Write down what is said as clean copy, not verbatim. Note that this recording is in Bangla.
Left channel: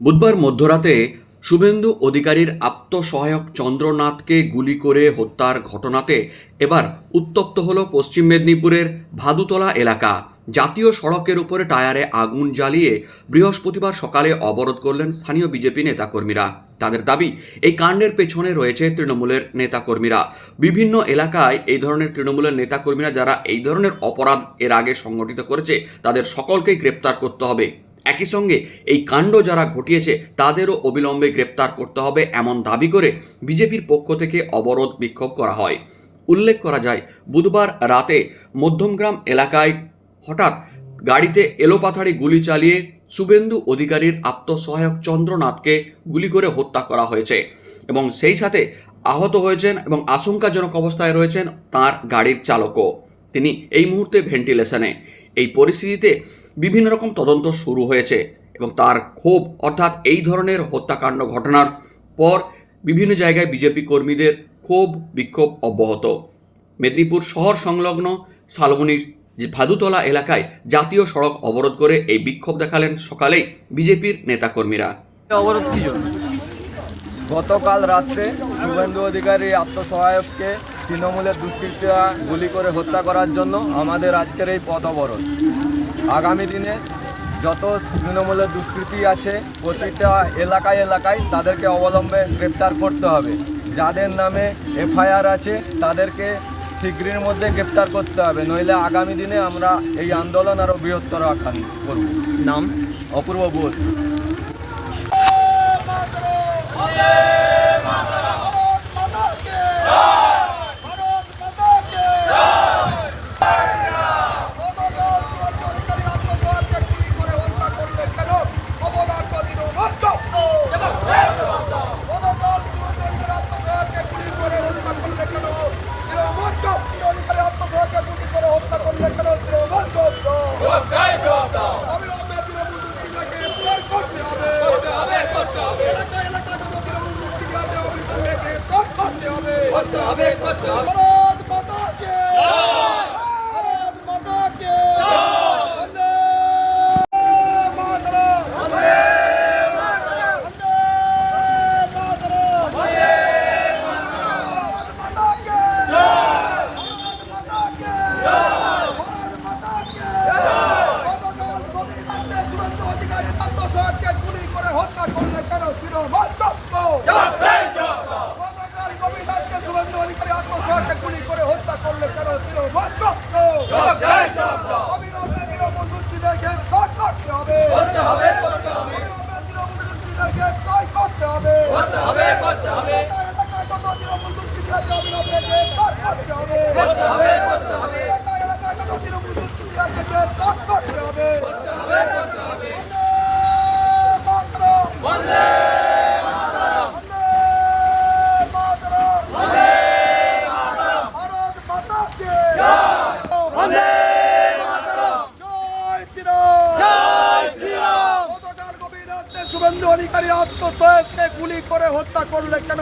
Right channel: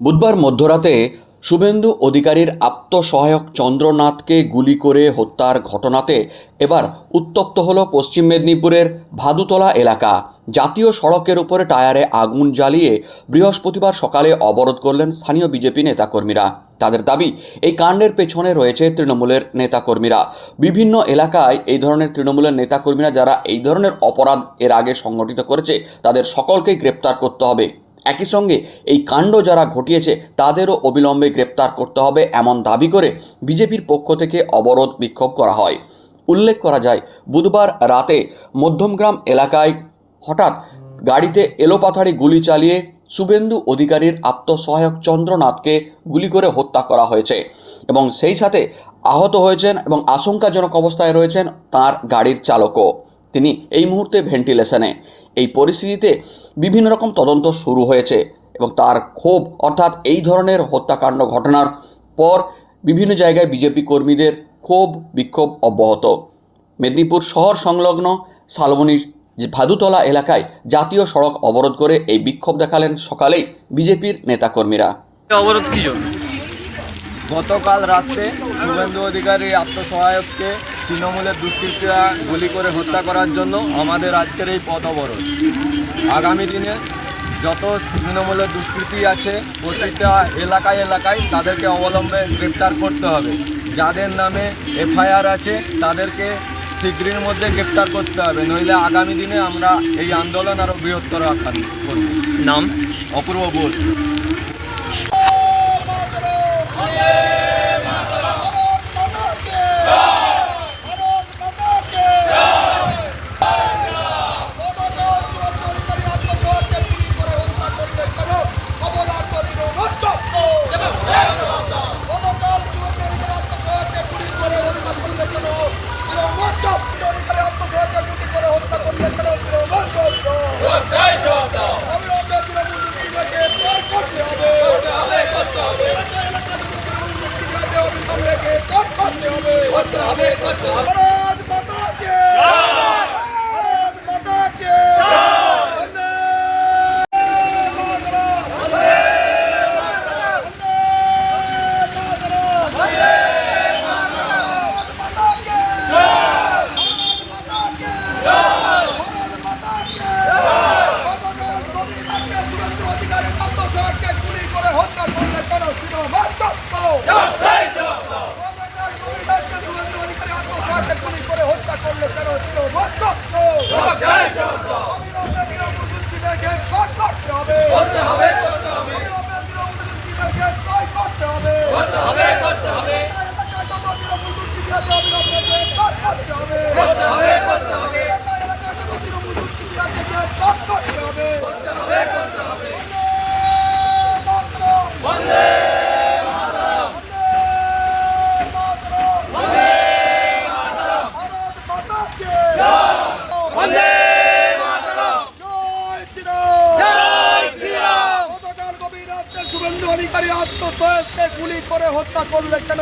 বুধবার মধ্যরাতে শুভেন্দু অধিকারীর আত্মসহায়ক চন্দ্রনাথকে গুলি করে হত্যার ঘটনাতে এবার উত্তপ্ত হল পশ্চিম মেদিনীপুরের ভাদুতলা এলাকা। জাতীয় সড়কের উপরে টায়ারে আগুন জ্বালিয়ে বৃহস্পতিবার সকালে অবরোধ করলেন স্থানীয় বিজেপি নেতাকর্মীরা। তাদের দাবি, এই কাণ্ডের পেছনে রয়েছে তৃণমূলের নেতাকর্মীরা। বিভিন্ন এলাকায় এই ধরনের তৃণমূলের নেতাকর্মীরা যারা এই ধরনের অপরাধ এর আগে সংগঠিত করেছে তাদের সকলকেই গ্রেপ্তার করতে হবে। একই সঙ্গে এই কাণ্ড যারা ঘটিয়েছে তাদেরও অবিলম্বে গ্রেপ্তার করতে হবে এমন দাবি করে বিজেপির পক্ষ থেকে অবরোধ বিক্ষোভ করা হয়। উল্লেখ করা যায়, বুধবার রাতে মধ্যমগ্রাম এলাকায় হঠাৎ গাড়িতে এলোপাথাড়ি গুলি চালিয়ে শুভেন্দু অধিকারীর আত্মসহায়ক চন্দ্রনাথকে গুলি করে হত্যা করা হয়েছে এবং সেই সাথে আহত হয়েছেন এবং আশঙ্কাজনক অবস্থায় রয়েছেন তার গাড়ির চালকও। তিনি এই মুহূর্তে ভেন্টিলেশনে। এই পরিস্থিতিতে বিভিন্ন রকম তদন্ত শুরু হয়েছে এবং তার ক্ষোভ, অর্থাৎ এই ধরনের হত্যাকাণ্ড ঘটনার পর বিভিন্ন জায়গায় বিজেপি কর্মীদের ক্ষোভ বিক্ষোভ অব্যাহত। মেদিনীপুর শহর সংলগ্ন শালবনীর ভাদুতলা এলাকায় জাতীয় সড়ক অবরোধ করে এই বিক্ষোভ দেখালেন সকালেই বিজেপির নেতাকর্মীরা। অবরোধ কি জন্য? গতকাল রাত্রে শুভেন্দু অধিকারী আত্মসহায়ককে তৃণমূলের দুষ্কৃতীরা গুলি করে হত্যা করার জন্য আমাদের আজকের এই পথ অবরোধ। আগামী দিনে যত তৃণমূলের দুষ্কৃতী আছে প্রতিটা এলাকায় এলাকায় তাদেরকে অবলম্বে গ্রেপ্তার করতে হবে। যাদের নামে এফআইআর আছে তাদেরকে শীঘ্রের মধ্যে গ্রেপ্তার করতে হবে, নইলে আগামী দিনে আমরা এই আন্দোলন আরও বৃহত্তর আকার করব। নাম? অপূর্ব বোস। শুভেন্দু অধিকারী আত্মসহায়ককে গুলি করে হত্যা করলে কেন?